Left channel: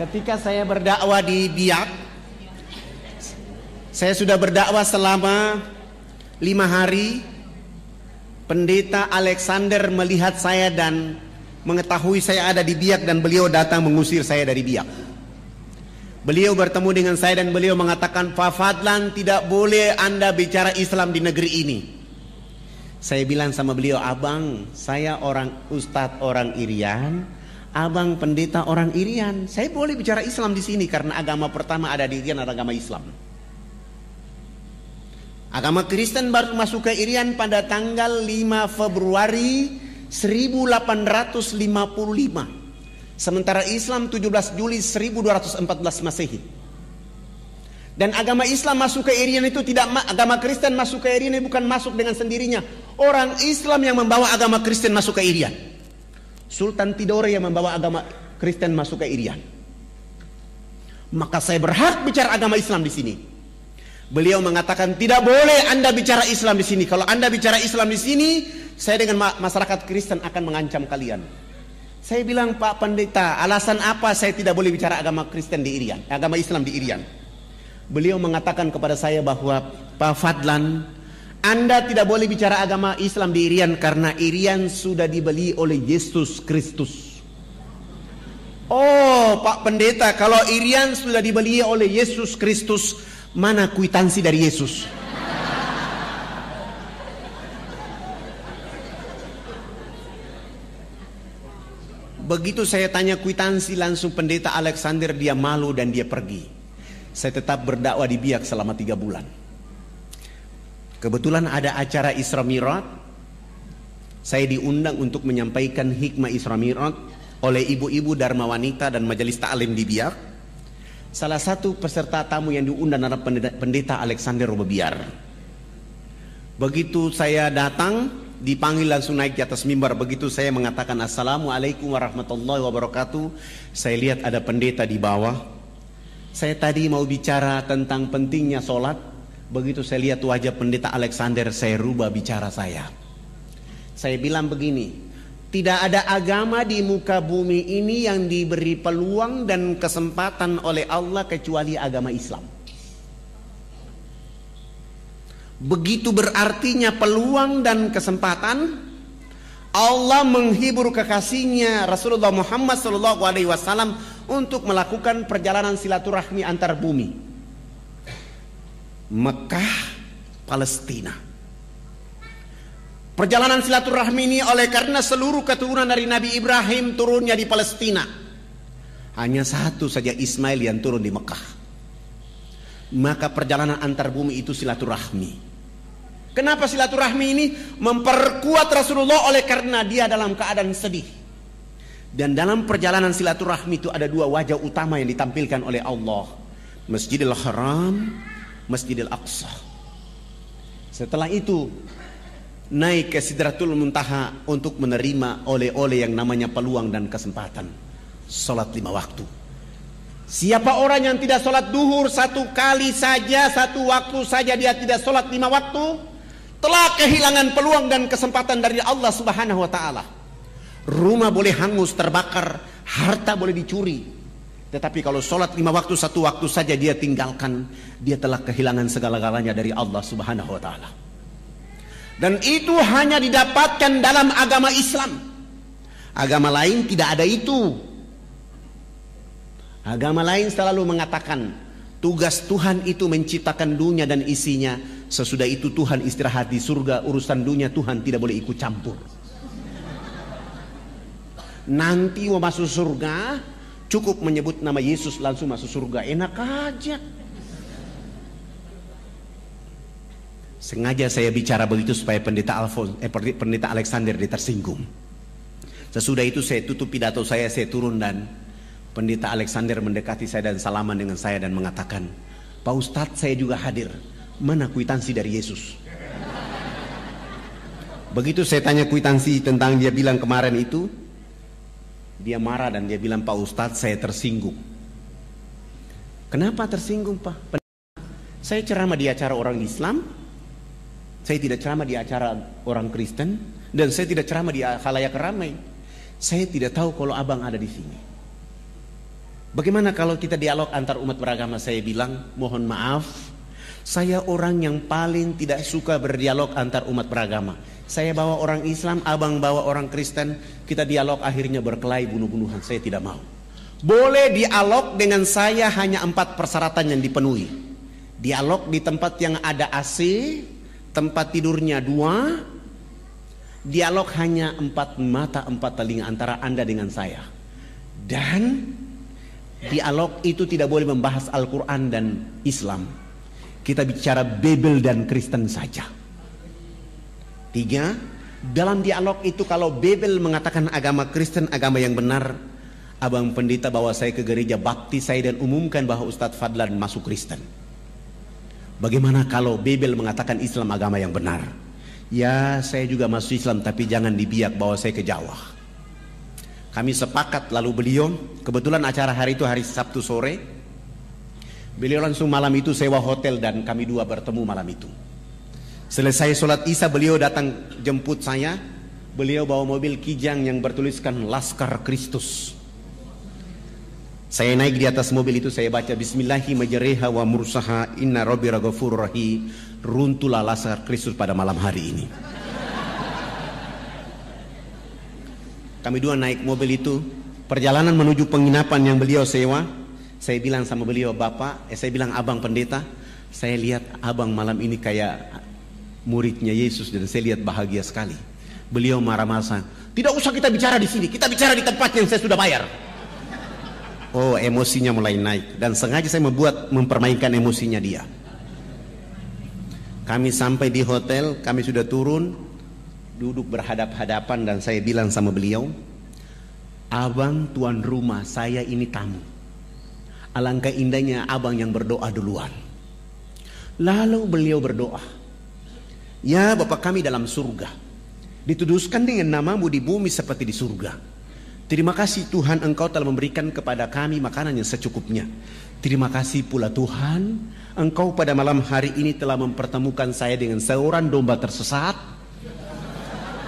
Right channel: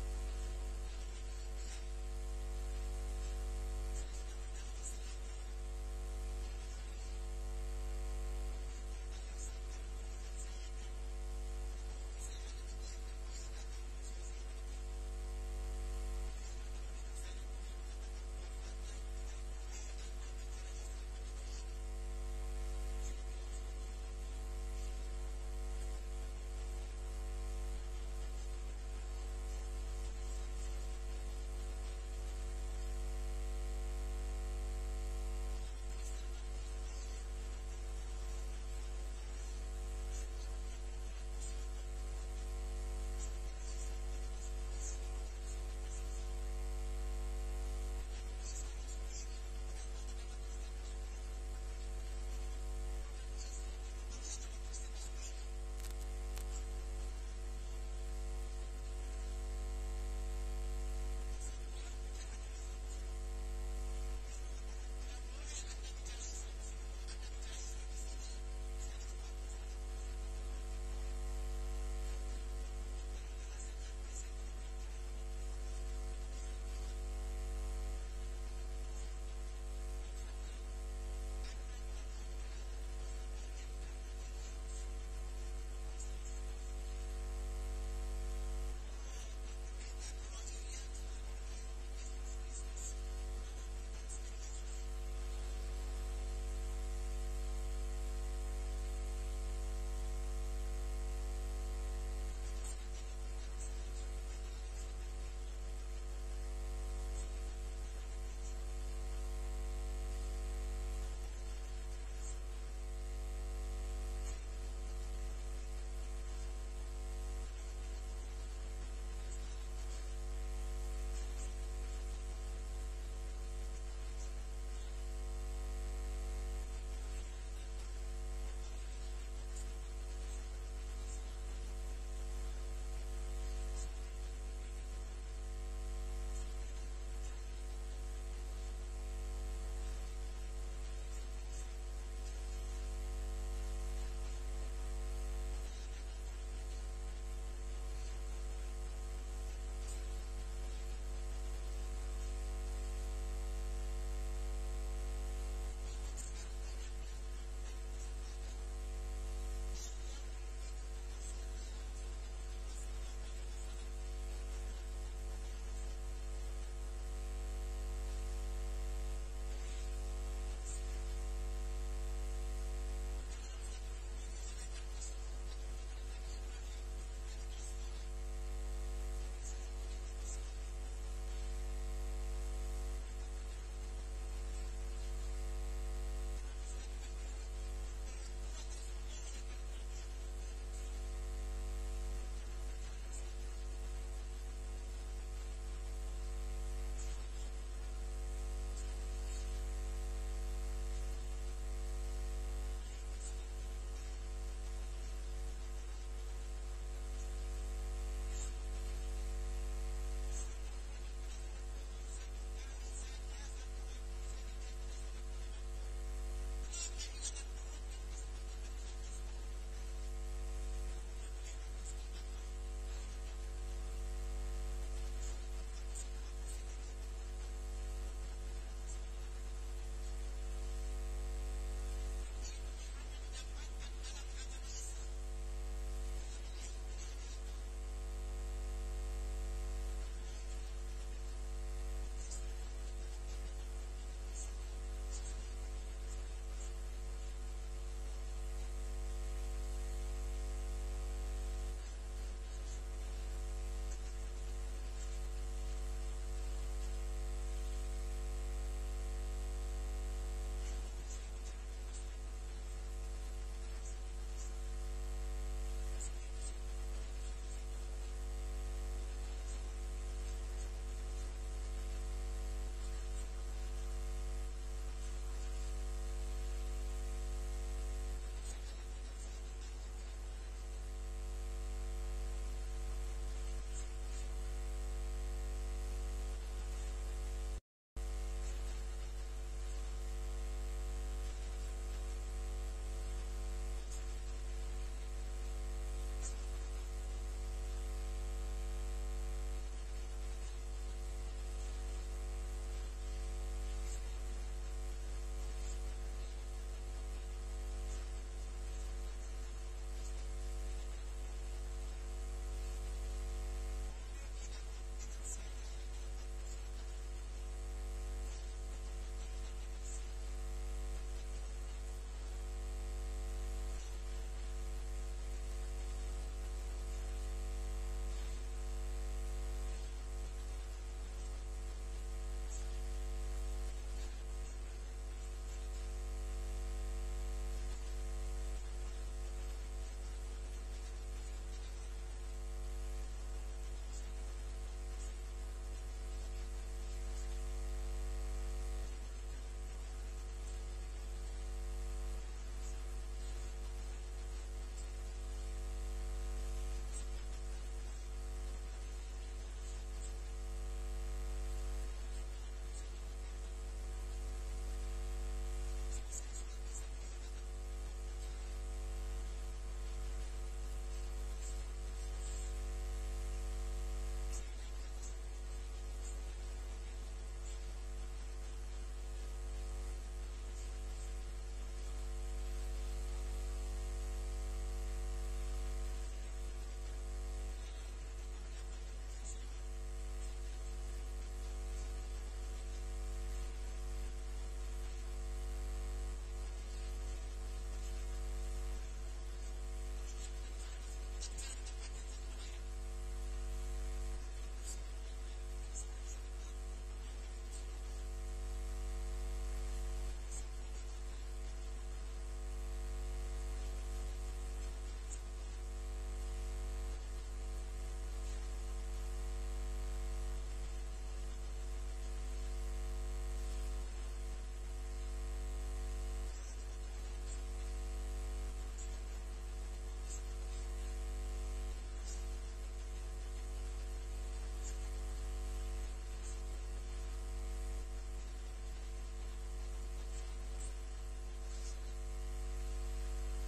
Ketika saya berdakwah di Biak, saya sudah berdakwah selama 5 hari. Pendeta Alexander melihat saya dan mengetahui saya ada di Biak, dan beliau datang mengusir saya dari Biak. Beliau bertemu dengan saya dan beliau mengatakan, Pak Fadlan, tidak boleh Anda bicara Islam di negeri ini. Saya bilang sama beliau, abang, saya orang ustadz orang Irian, abang pendeta orang Irian. Saya boleh bicara Islam di sini karena agama pertama ada di Irian adalah agama Islam. Agama Kristen baru masuk ke Irian pada tanggal 5 Februari 1855. Sementara Islam 17 Juli 1214 Masehi. Dan agama Islam masuk ke Irian itu tidak, agama Kristen masuk ke Irian bukan masuk dengan sendirinya. Orang Islam yang membawa agama Kristen masuk ke Irian. Sultan Tidore yang membawa agama Kristen masuk ke Irian. Maka saya berhak bicara agama Islam di sini. Beliau mengatakan, tidak boleh Anda bicara Islam di sini. Kalau Anda bicara Islam di sini, saya dengan masyarakat Kristen akan mengancam kalian. Saya bilang, Pak Pendeta, alasan apa saya tidak boleh bicara agama Kristen di Irian, agama Islam di Irian? Beliau mengatakan kepada saya bahwa, Pak Fadlan, Anda tidak boleh bicara agama Islam di Irian karena Irian sudah dibeli oleh Yesus Kristus. Oh, Pak Pendeta, kalau Irian sudah dibeli oleh Yesus Kristus, mana kwitansi dari Yesus? Begitu saya tanya kwitansi, langsung pendeta Alexander dia malu dan dia pergi. Saya tetap berdakwah di Biak selama 3 bulan. Kebetulan ada acara Isra Mi'raj. Saya diundang untuk menyampaikan hikmah Isra Mi'raj oleh ibu-ibu Dharma Wanita dan Majelis Ta'lim di Biak. Salah satu peserta tamu yang diundang adalah pendeta Alexander Robobiar. Begitu saya datang, dipanggil langsung naik di atas mimbar. Begitu saya mengatakan Assalamualaikum warahmatullahi wabarakatuh, saya lihat ada pendeta di bawah. Saya tadi mau bicara tentang pentingnya sholat. Begitu saya lihat wajah pendeta Alexander, saya rubah bicara saya. Saya bilang begini, tidak ada agama di muka bumi ini yang diberi peluang dan kesempatan oleh Allah kecuali agama Islam. Begitu berartinya peluang dan kesempatan. Allah menghibur kekasihnya Rasulullah Muhammad SAW untuk melakukan perjalanan silaturahmi antar bumi. Mekah, Palestina. Perjalanan silaturahmi ini oleh karena seluruh keturunan dari Nabi Ibrahim turunnya di Palestina. Hanya satu saja Ismail yang turun di Mekah. Maka perjalanan antar bumi itu silaturahmi. Kenapa silaturahmi ini? Memperkuat Rasulullah oleh karena dia dalam keadaan sedih. Dan dalam perjalanan silaturahmi itu ada 2 wajah utama yang ditampilkan oleh Allah. Masjidil Haram, Masjidil Aqsa. Setelah itu naik ke Sidratul Muntaha untuk menerima oleh-oleh yang namanya peluang dan kesempatan. Salat 5 waktu. Siapa orang yang tidak salat duhur 1 kali saja, 1 waktu saja dia tidak salat 5 waktu, telah kehilangan peluang dan kesempatan dari Allah Subhanahu wa ta'ala. Rumah boleh hangus, terbakar, harta boleh dicuri, tetapi kalau salat 5 waktu 1 waktu saja dia tinggalkan, dia telah kehilangan segala-galanya dari Allah Subhanahu wa ta'ala. Dan itu hanya didapatkan dalam agama Islam. Agama lain tidak ada itu. Agama lain selalu mengatakan tugas Tuhan itu menciptakan dunia dan isinya. Sesudah itu Tuhan istirahat di surga. Urusan dunia Tuhan tidak boleh ikut campur. Nanti mau masuk surga, cukup menyebut nama Yesus langsung masuk surga. Enak aja. Sengaja saya bicara begitu supaya pendeta Alexander dia tersinggung. Sesudah itu saya tutup pidato saya turun dan pendeta Alexander mendekati saya dan salaman dengan saya dan mengatakan, Pak Ustadz, saya juga hadir. Mana kwitansi dari Yesus? Begitu saya tanya kwitansi tentang dia bilang kemarin itu, dia marah dan dia bilang, Pak Ustadz, saya tersinggung. Kenapa tersinggung, Pak? Saya ceramah di acara orang Islam. Saya tidak ceramah di acara orang Kristen, dan saya tidak ceramah di khalayak ramai. Saya tidak tahu kalau abang ada di sini. Bagaimana kalau kita dialog antar umat beragama? Saya bilang, mohon maaf, saya orang yang paling tidak suka berdialog antar umat beragama. Saya bawa orang Islam, abang bawa orang Kristen, kita dialog akhirnya berkelahi bunuh-bunuhan. Saya tidak mau. Boleh dialog dengan saya hanya 4 persyaratan yang dipenuhi. Dialog di tempat yang ada AC, tempat tidurnya 2, dialog hanya 4 mata 4 telinga antara Anda dengan saya. Dan dialog itu tidak boleh membahas Al-Quran dan Islam. Kita bicara Bible dan Kristen saja. 3, dalam dialog itu kalau Bible mengatakan agama Kristen agama yang benar, abang pendeta bawa saya ke gereja baptis saya dan umumkan bahwa Ustadz Fadlan masuk Kristen. Bagaimana kalau Bible mengatakan Islam agama yang benar? Ya, saya juga masuk Islam, tapi jangan dibiak bawa saya ke Jawa. Kami sepakat, lalu beliau, kebetulan acara hari itu hari Sabtu sore, beliau langsung malam itu sewa hotel dan kami 2 bertemu malam itu. Selesai sholat Isya beliau datang jemput saya. Beliau bawa mobil Kijang yang bertuliskan Laskar Kristus. Saya naik di atas mobil itu, saya baca Bismillahi majreha wa mursaha inna rabbi ghafurur rahim. Runtuhlah Laskar Kristus pada malam hari ini. Kami 2 naik mobil itu, perjalanan menuju penginapan yang beliau sewa. Saya bilang sama beliau, saya bilang abang pendeta, saya lihat abang malam ini kayak muridnya Yesus dan saya lihat bahagia sekali. Beliau marah-marah, tidak usah kita bicara di sini, kita bicara di tempat yang saya sudah bayar. Oh, emosinya mulai naik dan sengaja saya mempermainkan emosinya dia. Kami sampai di hotel, kami sudah turun, duduk berhadap-hadapan dan saya bilang sama beliau, abang tuan rumah, saya ini tamu. Alangkah indahnya abang yang berdoa duluan. Lalu beliau berdoa, ya Bapa kami dalam surga, dituduskan dengan namamu di bumi seperti di surga. Terima kasih Tuhan, Engkau telah memberikan kepada kami makanan yang secukupnya. Terima kasih pula Tuhan, Engkau pada malam hari ini telah mempertemukan saya dengan seorang domba tersesat.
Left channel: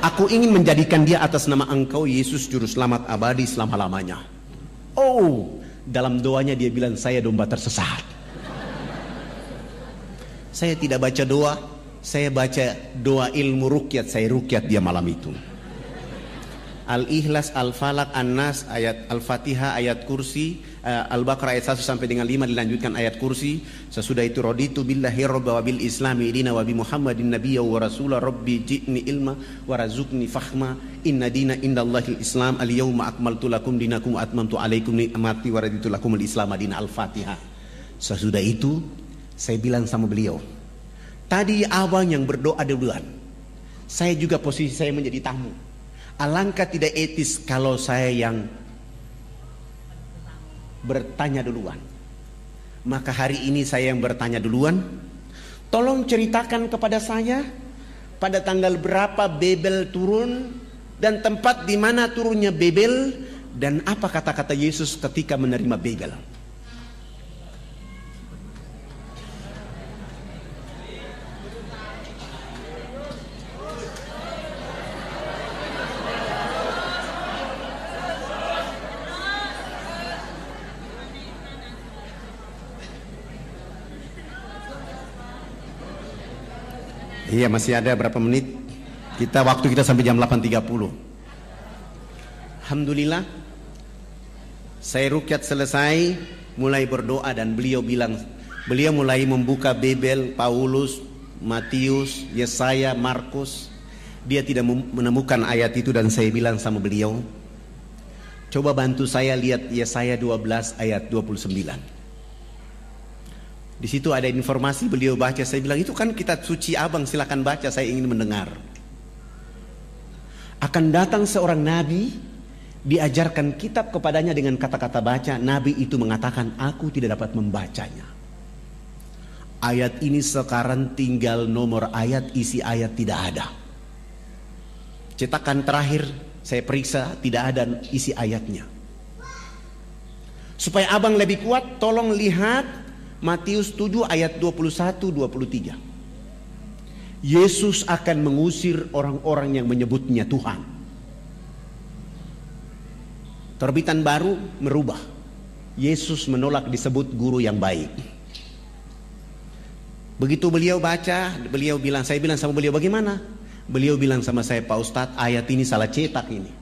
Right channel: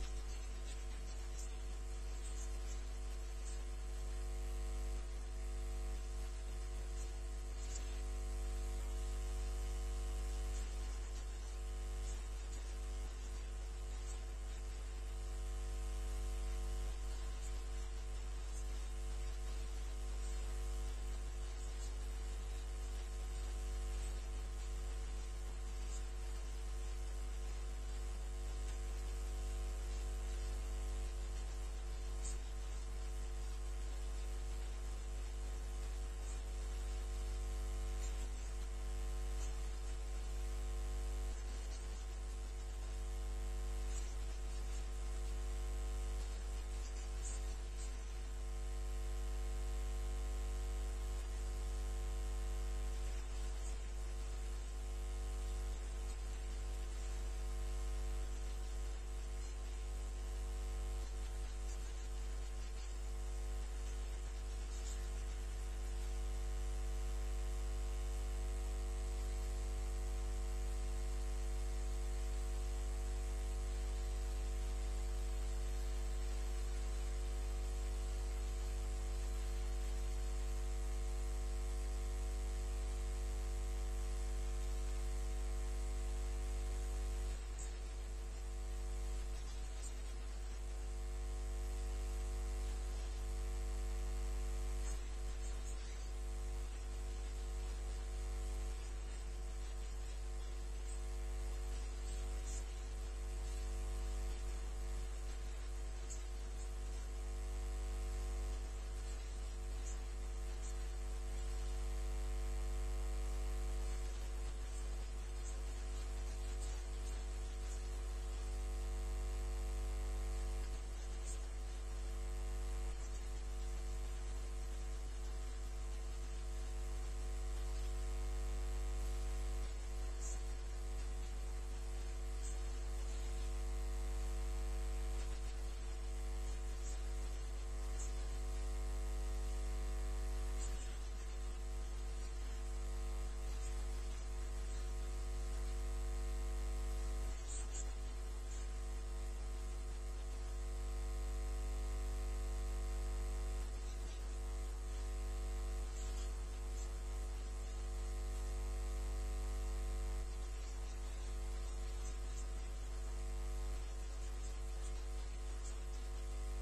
Aku ingin menjadikan dia atas nama Engkau Yesus Juru Selamat abadi selama-lamanya. Oh, dalam doanya dia bilang saya domba tersesat. Saya tidak baca doa, saya baca doa ilmu rukyat, saya rukyat dia malam itu. Al-Ikhlas, Al-Falaq, An-Nas, ayat Al-Fatihah, ayat kursi, Al-Baqarah ayat 1 sampai dengan 5 dilanjutkan ayat kursi. Sesudah itu raditu billahi rabba wa bil islami dina wa bi Muhammadin nabiyya wa rasula rabbi ji'ni ilma wa razukni fahma inna dina indallahil islam al-yawma akmaltu lakum dinakum wa atmamtu alaikum ni'mati wa raditu lakum al-islam dina. Al-Fatihah. Sesudah itu saya bilang sama beliau, tadi abang yang berdoa duluan, saya juga posisi saya menjadi tamu. Alangkah tidak etis kalau saya yang bertanya duluan. Maka hari ini saya yang bertanya duluan. Tolong ceritakan kepada saya pada tanggal berapa Babel turun dan tempat di mana turunnya Babel dan apa kata-kata Yesus ketika menerima Babel. Iya, masih ada berapa menit? Waktu kita sampai jam 8.30. Alhamdulillah, saya rukyat selesai, mulai berdoa dan beliau mulai membuka Babel, Paulus, Matius, Yesaya, Markus. Dia tidak menemukan ayat itu dan saya bilang sama beliau, coba bantu saya lihat Yesaya 12 ayat 29. Di situ ada informasi, beliau baca, saya bilang itu kan kitab suci abang, silakan baca, saya ingin mendengar. Akan datang seorang nabi, diajarkan kitab kepadanya dengan kata-kata baca. Nabi itu mengatakan, aku tidak dapat membacanya. Ayat ini sekarang tinggal nomor ayat, isi ayat tidak ada. Cetakan terakhir saya periksa tidak ada isi ayatnya. Supaya abang lebih kuat, tolong lihat Matius 7 ayat 21-23. Yesus akan mengusir orang-orang yang menyebutnya Tuhan. Terbitan baru merubah. Yesus menolak disebut guru yang baik. Begitu beliau baca, beliau bilang, saya bilang sama beliau, bagaimana? Beliau bilang sama saya, Pak Ustadz, ayat ini salah cetak ini.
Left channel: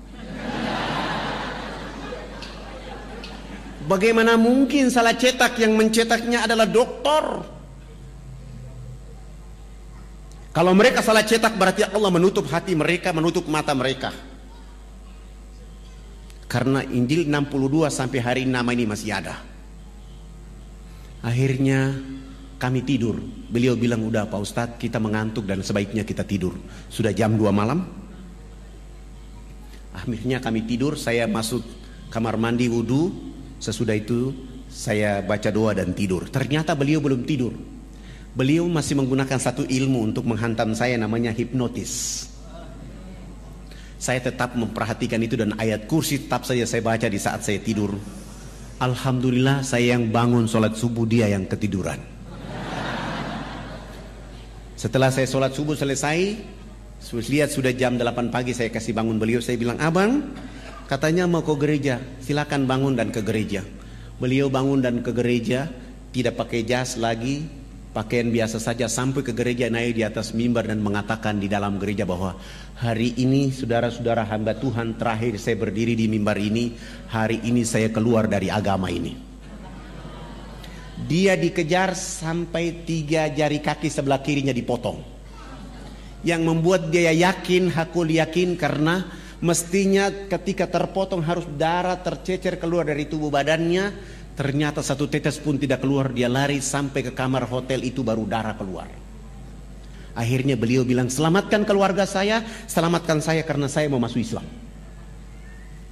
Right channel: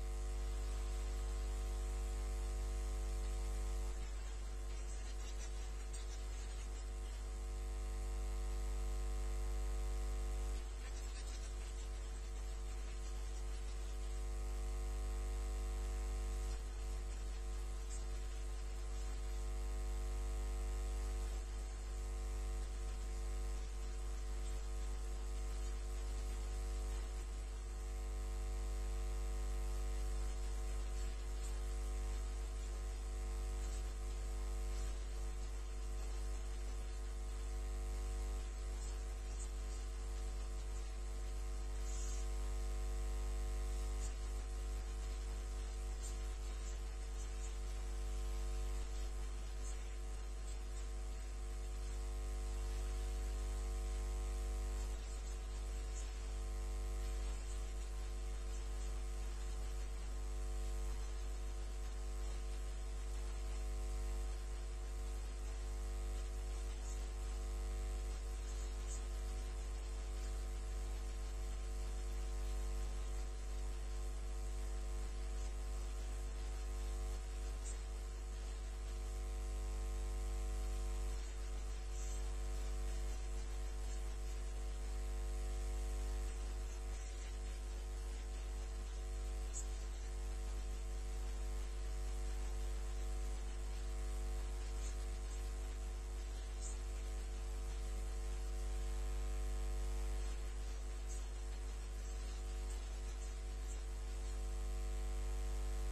Bagaimana mungkin salah cetak? Yang mencetaknya adalah doktor. Kalau mereka salah cetak berarti Allah menutup hati mereka, menutup mata mereka. Karena Injil 62 sampai hari ini nama ini masih ada. Akhirnya kami tidur. Beliau bilang, udah Pak Ustadz, kita mengantuk dan sebaiknya kita tidur. Sudah jam 2 malam. Akhirnya kami tidur. Saya masuk kamar mandi wudhu. Sesudah itu saya baca doa dan tidur. Ternyata beliau belum tidur. Beliau masih menggunakan satu ilmu untuk menghantam saya, namanya hipnotis. Saya tetap memperhatikan itu dan ayat kursi tetap saja saya baca di saat saya tidur. Alhamdulillah saya yang bangun sholat subuh, dia yang ketiduran. Setelah saya sholat subuh selesai, lihat sudah jam 8 pagi, saya kasih bangun beliau. Saya bilang, abang katanya mau ke gereja, silakan bangun dan ke gereja. Beliau bangun dan ke gereja, tidak pakai jas lagi, pakaian biasa saja, sampai ke gereja, naik di atas mimbar dan mengatakan di dalam gereja bahwa hari ini saudara-saudara hamba Tuhan, terakhir saya berdiri di mimbar ini, hari ini saya keluar dari agama ini. Dia dikejar sampai 3 jari kaki sebelah kirinya dipotong. Yang membuat dia yakin, hakul yakin, karena mestinya ketika terpotong harus darah tercecer keluar dari tubuh badannya. Ternyata satu tetes pun tidak keluar. Dia lari sampai ke kamar hotel itu, baru darah keluar. Akhirnya beliau bilang, selamatkan keluarga saya, selamatkan saya karena saya mau masuk Islam.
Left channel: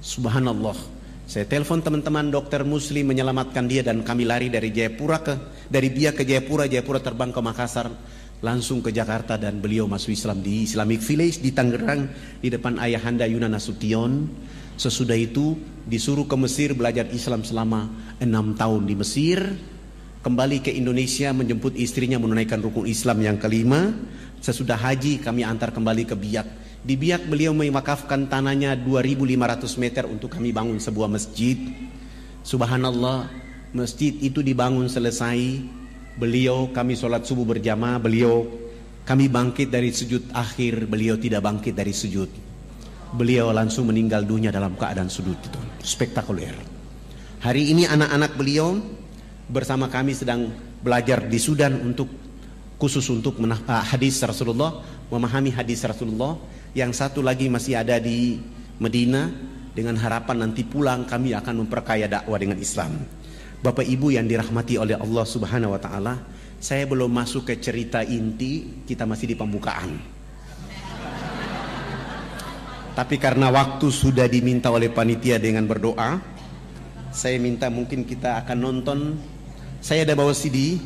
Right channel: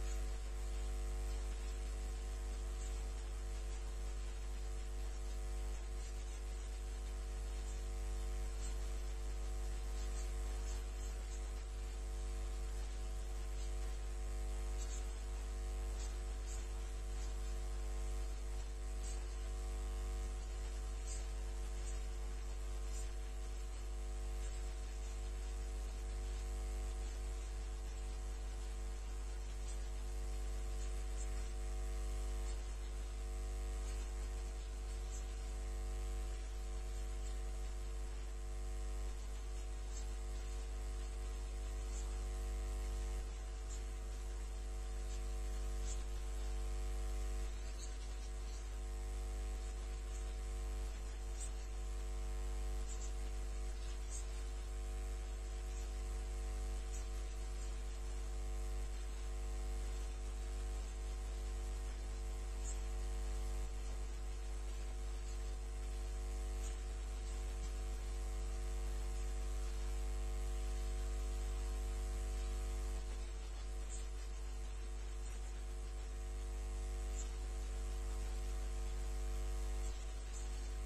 Subhanallah. Saya telepon teman-teman dokter muslim menyelamatkan dia, dan kami lari dari Biak ke Jayapura, Jayapura terbang ke Makassar, langsung ke Jakarta, dan beliau masuk Islam di Islamic Village di Tangerang di depan ayahanda Yunan Nasution. Sesudah itu disuruh ke Mesir belajar Islam selama 6 tahun di Mesir. Kembali ke Indonesia menjemput istrinya menunaikan rukun Islam yang kelima. Sesudah haji kami antar kembali ke Biak. Di Biak beliau mewakafkan tanahnya 2.500 meter untuk kami bangun sebuah masjid. Subhanallah, masjid itu dibangun selesai. Beliau, kami sholat subuh berjamaah. Kami bangkit dari sujud akhir. Beliau tidak bangkit dari sujud. Beliau langsung meninggal dunia dalam keadaan sujud itu. Spektakuler. Hari ini anak-anak beliau bersama kami sedang belajar di Sudan khusus untuk hadis Rasulullah, memahami hadis Rasulullah. Yang satu lagi masih ada di Medina, dengan harapan nanti pulang kami akan memperkaya dakwah dengan Islam. Bapak Ibu yang dirahmati oleh Allah Subhanahu wa taala, saya belum masuk ke cerita inti, kita masih di pembukaan. Tapi karena waktu sudah diminta oleh panitia dengan berdoa, saya minta mungkin kita akan nonton. Saya ada bawa CD,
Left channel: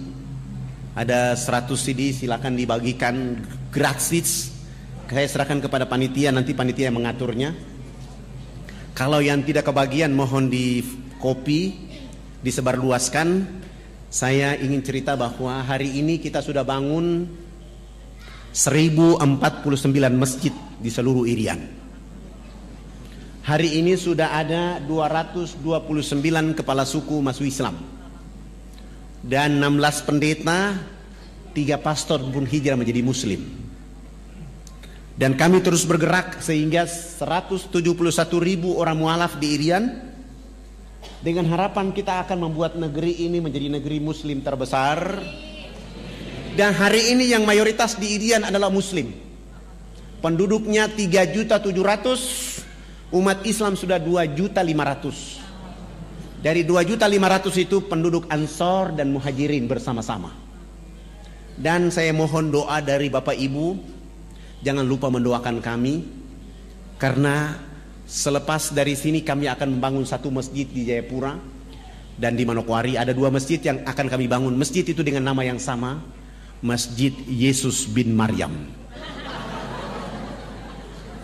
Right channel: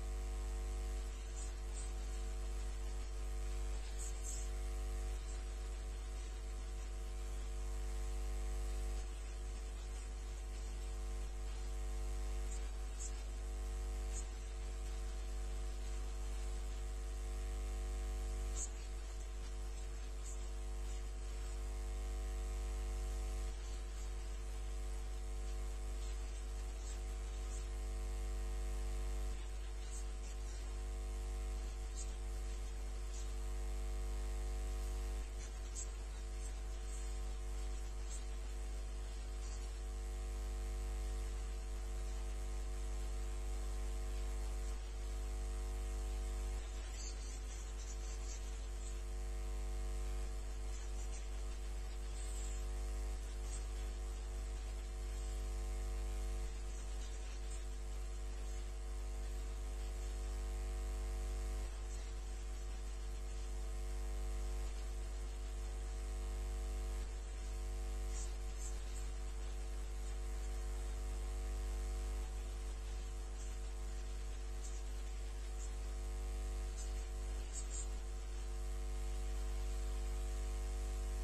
ada 100 CD, silakan dibagikan gratis. Saya serahkan kepada panitia, nanti panitia yang mengaturnya. Kalau yang tidak kebagian mohon di copy, disebarluaskan. Saya ingin cerita bahwa hari ini kita sudah bangun 1049 masjid di seluruh Irian. Hari ini sudah ada 229 kepala suku masuk Islam, dan 16 pendeta, 3 pastor pun hijrah menjadi Muslim. Dan kami terus bergerak sehingga 171.000 orang mualaf di Irian, dengan harapan kita akan membuat negeri ini menjadi negeri Muslim terbesar. Dan hari ini yang mayoritas di Irian adalah Muslim. Penduduknya 3.700.000, umat Islam sudah 2.500.000. Dari 2.500.000 itu penduduk Ansor dan Muhajirin bersama-sama. Dan saya mohon doa dari Bapak Ibu. Jangan lupa mendoakan kami, karena selepas dari sini kami akan membangun satu masjid di Jayapura dan di Manokwari. Ada 2 masjid yang akan kami bangun. Masjid itu dengan nama yang sama, Masjid Yesus bin Maryam.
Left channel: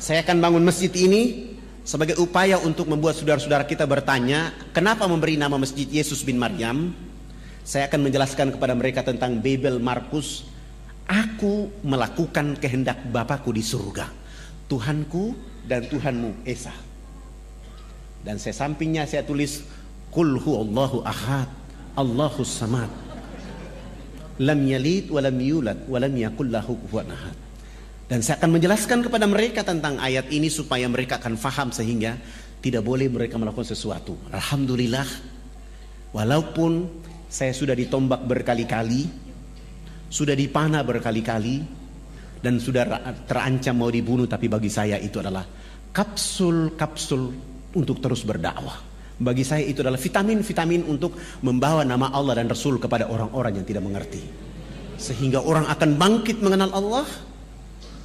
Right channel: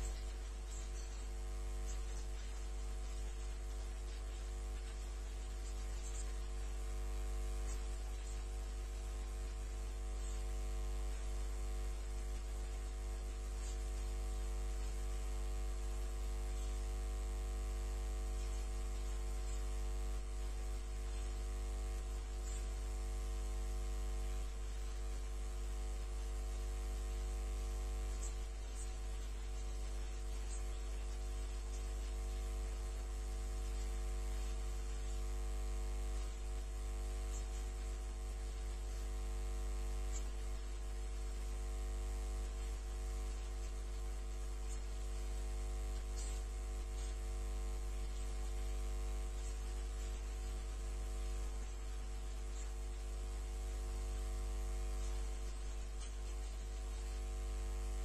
Saya akan bangun masjid ini sebagai upaya untuk membuat saudara-saudara kita bertanya, kenapa memberi nama Masjid Yesus bin Maryam? Saya akan menjelaskan kepada mereka tentang Babel Markus. Aku melakukan kehendak Bapakku di surga, Tuhanku dan Tuhanmu Esa. Dan saya sampingnya saya tulis Qul huwallahu ahad, Allahus samad, lam yalid wa lam yulad wa lam yakul lahu kufuwan ahad. Dan saya akan menjelaskan kepada mereka tentang ayat ini supaya mereka akan faham sehingga tidak boleh mereka melakukan sesuatu. Alhamdulillah, walaupun saya sudah ditombak berkali-kali, sudah dipanah berkali-kali, dan sudah terancam mau dibunuh, tapi bagi saya itu adalah kapsul-kapsul untuk terus berdakwah. Bagi saya itu adalah vitamin-vitamin untuk membawa nama Allah dan Rasul kepada orang-orang yang tidak mengerti, sehingga orang akan bangkit mengenal Allah,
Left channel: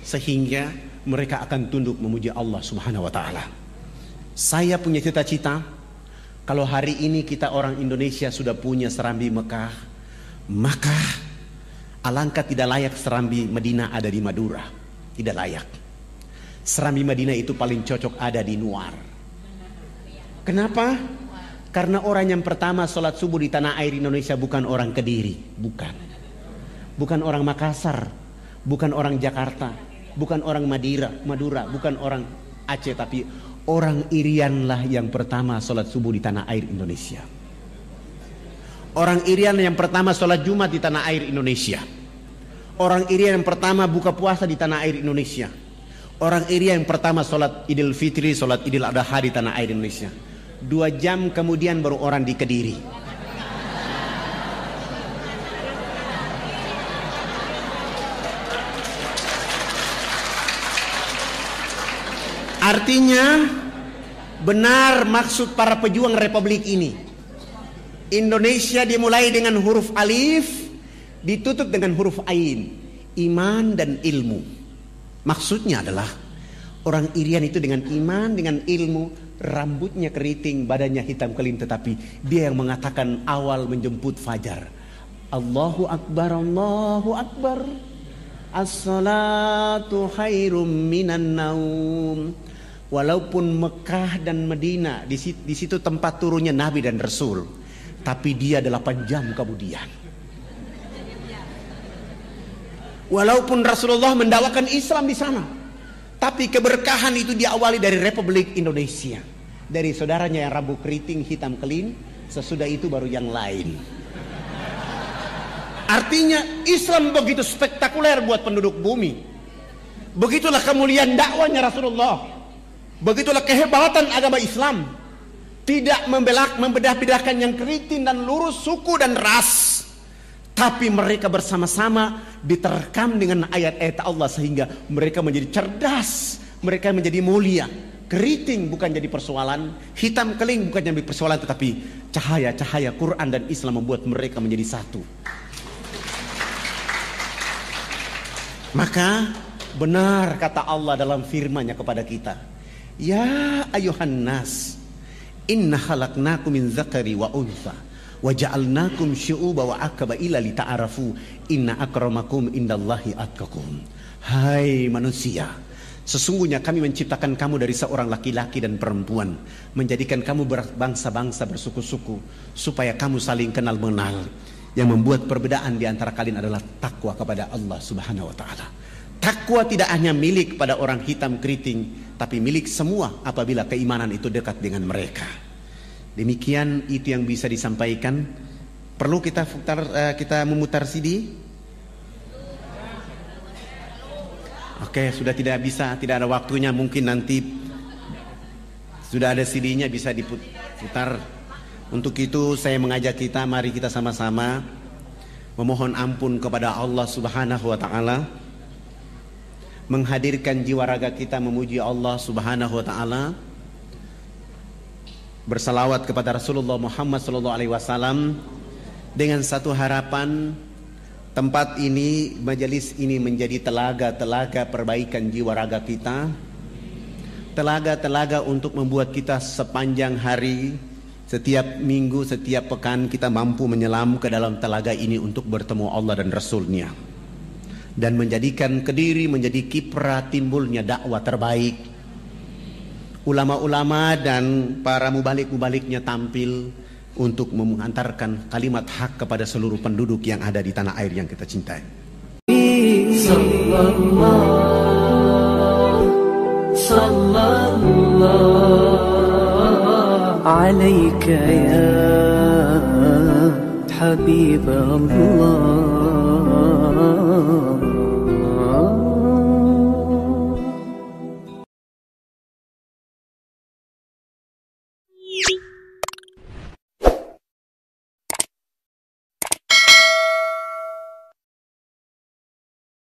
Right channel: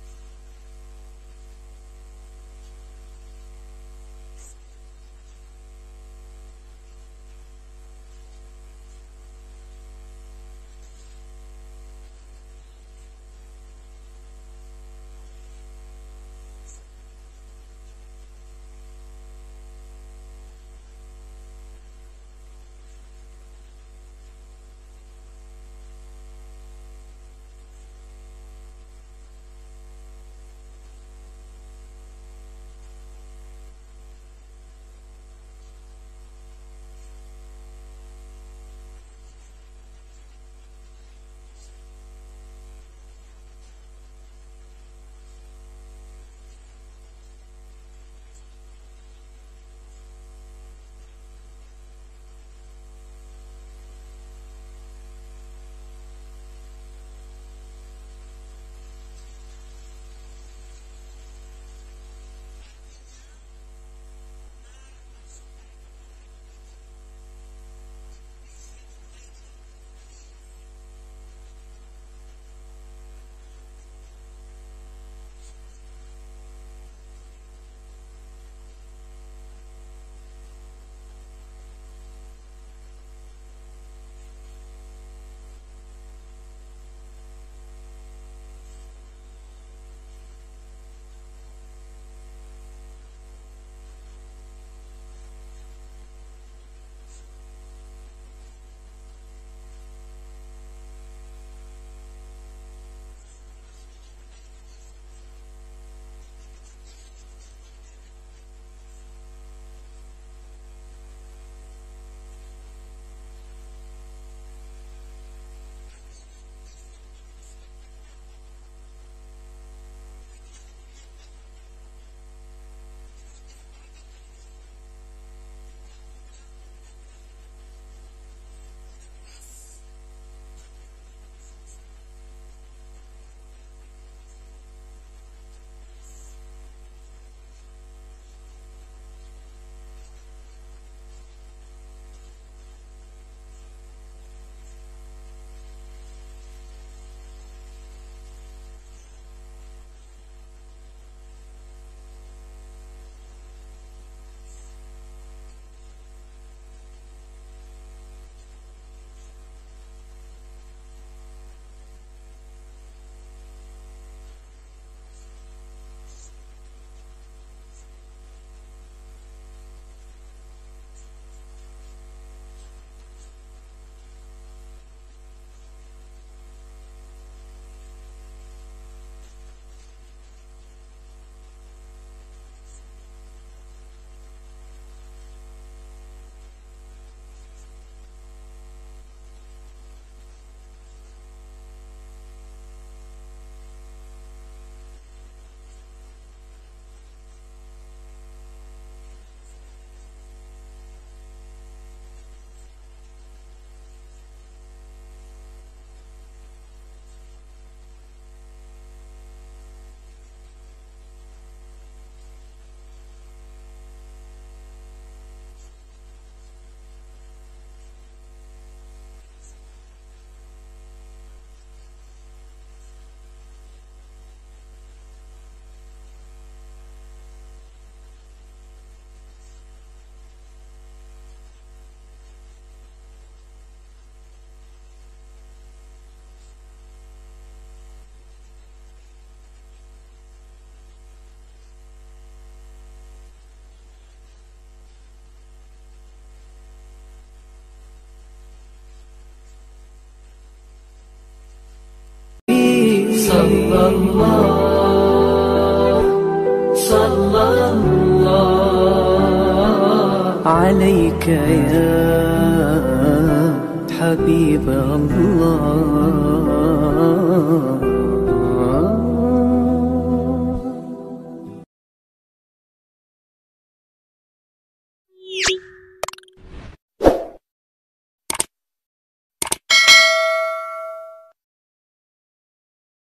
sehingga mereka akan tunduk memuji Allah Subhanahu wa taala. Saya punya cita-cita, kalau hari ini kita orang Indonesia sudah punya serambi Mekah, maka alangkah tidak layak serambi Madinah ada di Madura. Tidak layak. Serambi Madinah itu paling cocok ada di Nuar. Kenapa? Karena orang yang pertama sholat subuh di tanah air Indonesia bukan orang Kediri, bukan orang Makassar, bukan orang Jakarta, bukan orang Madura, bukan orang Aceh, tapi orang Irian lah yang pertama sholat subuh di tanah air Indonesia. Orang Irian yang pertama sholat Jumat di tanah air Indonesia. Orang Irian yang pertama buka puasa di tanah air Indonesia. Orang Irian yang pertama sholat Idul Fitri, sholat Idul Adha di tanah air Indonesia. 2 jam kemudian baru orang di Kediri. Artinya benar maksud para pejuang republik ini. Indonesia dimulai dengan huruf alif, ditutup dengan huruf ain, iman dan ilmu. Maksudnya adalah orang Irian itu dengan iman, dengan ilmu, rambutnya keriting, badannya hitam kelim, tetapi dia yang mengatakan awal menjemput fajar. Allahu Akbar, Allahu Akbar, as-salatu khairum minan naum. Walaupun Mekah dan Madinah di situ tempat turunnya Nabi dan Rasul, tapi dia 8 jam kemudian. Walaupun Rasulullah mendakwakan Islam di sana, tapi keberkahan itu diawali dari Republik Indonesia, dari saudaranya yang rambut keriting hitam kelim. Sesudah itu baru yang lain. Artinya Islam begitu spektakuler buat penduduk bumi. Begitulah kemuliaan dakwanya Rasulullah. Begitulah kehebatan agama Islam. Tidak membedah-bedahkan yang keriting dan lurus, suku dan ras, tapi mereka bersama-sama diterkam dengan ayat-ayat Allah sehingga mereka menjadi cerdas, mereka menjadi mulia. Keriting bukan jadi persoalan, hitam keling bukan jadi persoalan, tetapi cahaya-cahaya Quran dan Islam membuat mereka menjadi satu. Maka benar kata Allah dalam firman-Nya kepada kita, ya ayuhan nas, inna khalaqnakum min dzakari wa untha wa ja'alnakum syu'uba wa aqbaila lita'arafu inna akramakum indallahi atqakum. Hai manusia, sesungguhnya kami menciptakan kamu dari seorang laki-laki dan perempuan, menjadikan kamu berbangsa-bangsa, bersuku-suku, supaya kamu saling kenal mengenal. Yang membuat perbedaan di antara kalian adalah takwa kepada Allah Subhanahu wa taala. Takwa tidak hanya milik pada orang hitam keriting, tapi milik semua apabila keimanan itu dekat dengan mereka. Demikian itu yang bisa disampaikan. Perlu kita memutar CD? Oke, sudah tidak bisa, tidak ada waktunya. Mungkin nanti sudah ada CD-nya bisa diputar. Untuk itu saya mengajak kita, mari kita sama-sama memohon ampun kepada Allah Subhanahu wa taala, menghadirkan jiwa raga kita memuji Allah Subhanahu wa taala, bersalawat kepada Rasulullah Muhammad sallallahu alaihi wasallam dengan satu harapan, tempat ini, majelis ini menjadi telaga-telaga perbaikan jiwa raga kita, telaga-telaga untuk membuat kita sepanjang hari, setiap minggu, setiap pekan kita mampu menyelam ke dalam telaga ini untuk bertemu Allah dan Rasul-Nya, dan menjadikan Kediri menjadi kiprah timbulnya dakwah terbaik. Ulama-ulama dan para mubalik-mubaliknya tampil untuk mengantarkan kalimat hak kepada seluruh penduduk yang ada di tanah air yang kita cintai. Sallallahu عليك يا حبيب الله.